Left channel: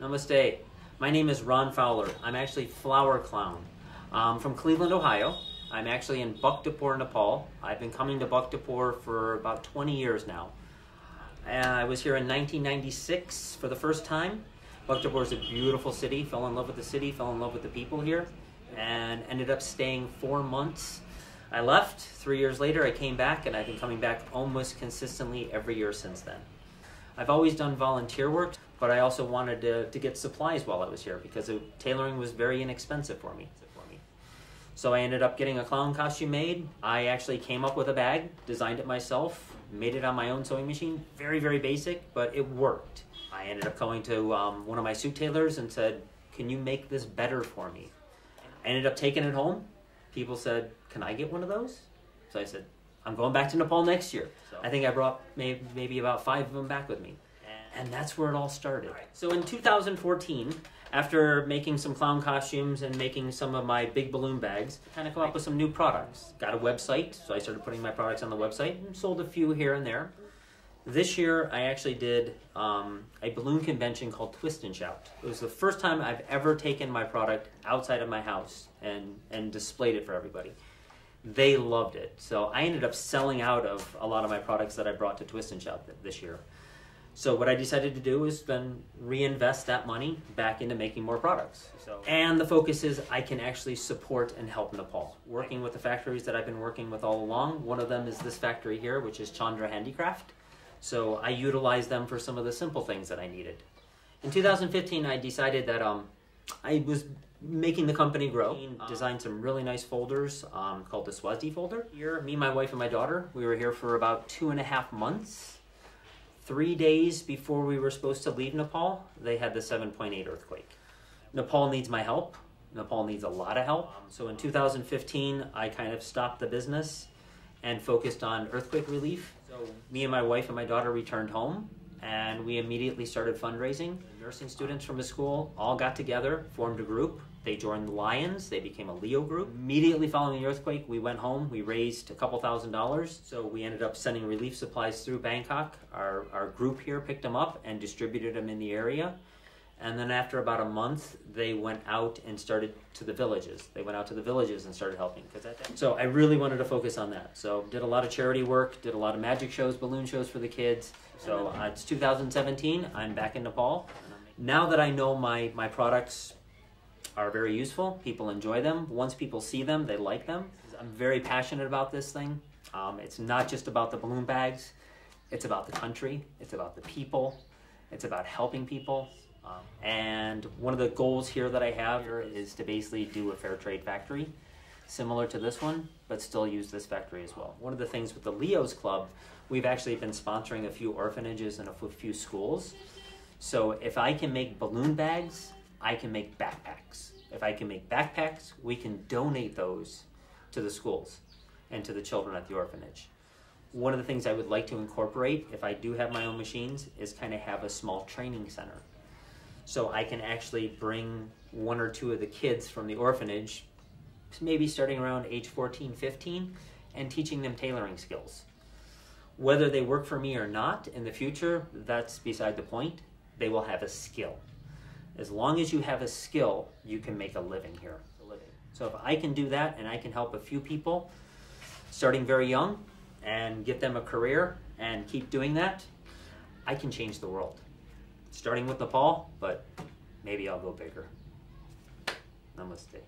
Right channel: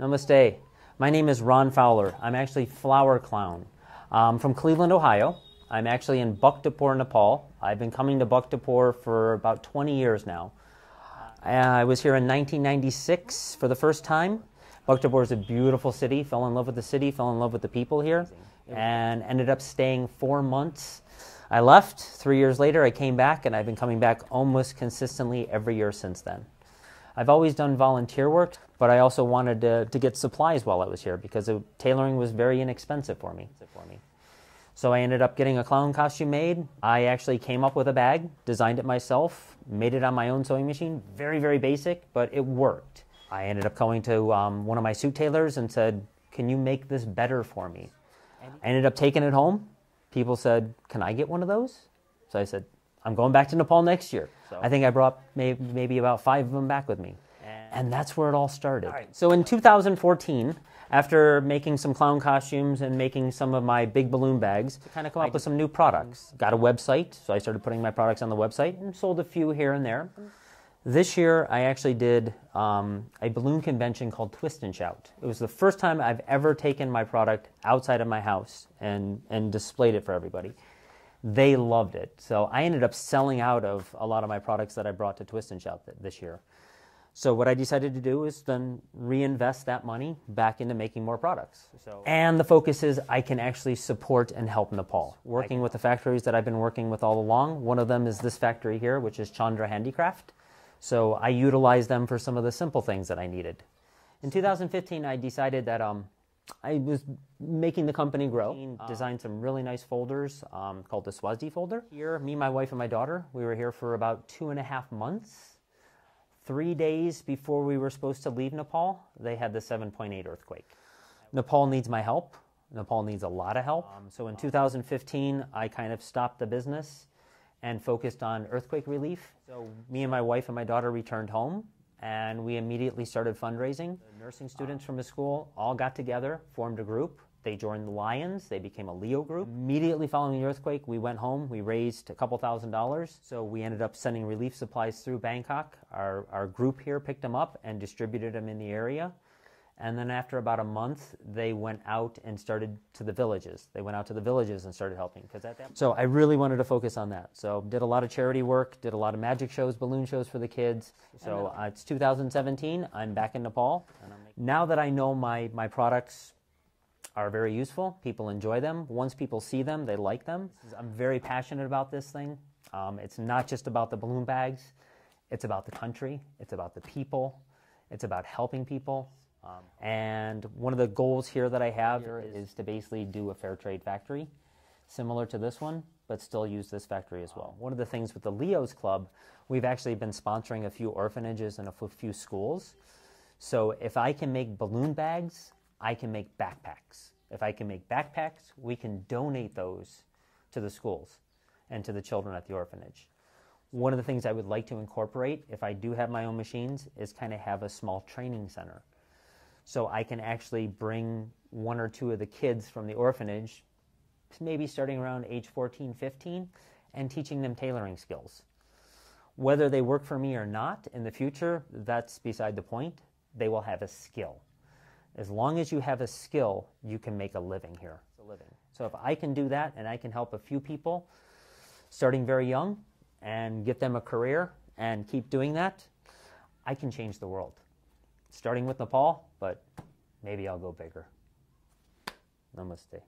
Namaste. My name is Ron Fowler. I'm actually Flower Clown. From Cleveland, Ohio. I'm actually in Bhaktapur, Nepal. I've been coming to Bhaktapur for about 20 years now. I was here in 1996 for the first time. Bhaktapur is a beautiful city. Fell in love with the city, fell in love with the people here, and ended up staying 4 months. I left. 3 years later, I came back, and I've been coming back almost consistently every year since then. I've always done volunteer work, but I also wanted to get supplies while I was here because tailoring was very inexpensive for me. So I ended up getting a clown costume made. I actually came up with a bag, designed it myself, made it on my own sewing machine. Very, very basic, but it worked. I ended up going to one of my suit tailors and said, "Can you make this better for me?" I ended up taking it home. People said, "Can I get one of those?" So I said, "I'm going back to Nepal next year." I think I brought maybe about 5 of them back with me. And that's where it all started. So in 2014, after making some clown costumes and making some of my big balloon bags, I kind of come up with some new products. Got a website, so I started putting my products on the website and sold a few here and there. This year, I actually did a balloon convention called Twist and Shout. It was the first time I've ever taken my product outside of my house and displayed it for everybody. They loved it. So I ended up selling out of a lot of my products that I brought to Twist and Shout this year. So what I decided to do is then reinvest that money back into making more products. And the focus is I can actually support and help Nepal. Working with the factories that I've been working with all along. One of them is this factory here, which is Chandra Handicraft. So I utilize them for some of the simple things that I needed. In 2015, I decided that I was making the company grow. Designed some really nice folders called the Swazi folder. Here, me, my wife, and my daughter, we were here for about 2.5 months. 3 days before we were supposed to leave Nepal, they had the 7.8 earthquake. Nepal needs my help. Nepal needs a lot of help. So in 2015, I kind of stopped the business and focused on earthquake relief. So me and my wife and my daughter returned home, and we immediately started fundraising. The nursing students from the school all got together, formed a group. They joined the Lions. They became a Leo group. Immediately following the earthquake, we went home. We raised a couple $1,000s. So we ended up sending relief supplies through Bangkok. Our group here picked them up and distributed them in the area. And then after about a month, they went out and started to the villages. They went out to the villages and started helping. So I really wanted to focus on that. So did a lot of charity work, did a lot of magic shows, balloon shows for the kids. So it's 2017. I'm back in Nepal. Now that I know my products are very useful, people enjoy them. Once people see them, they like them. I'm very passionate about this thing. It's not just about the balloon bags. It's about the country. It's about the people. It's about helping people. And one of the goals here that I have here is to basically do a fair trade factory, similar to this one, but still use this factory as well. One of the things with the Leos Club, we've actually been sponsoring a few orphanages and a few schools. So if I can make balloon bags, I can make backpacks. If I can make backpacks, we can donate those to the schools and to the children at the orphanage. One of the things I would like to incorporate, if I do have my own machines, is kind of have a small training center. So I can actually bring 1 or 2 of the kids from the orphanage, maybe starting around age 14, 15, and teaching them tailoring skills. Whether they work for me or not in the future, that's beside the point. They will have a skill. As long as you have a skill, you can make a living here. So if I can do that and I can help a few people starting very young and get them a career and keep doing that, I can change the world. Starting with Nepal, but maybe I'll go bigger. Namaste.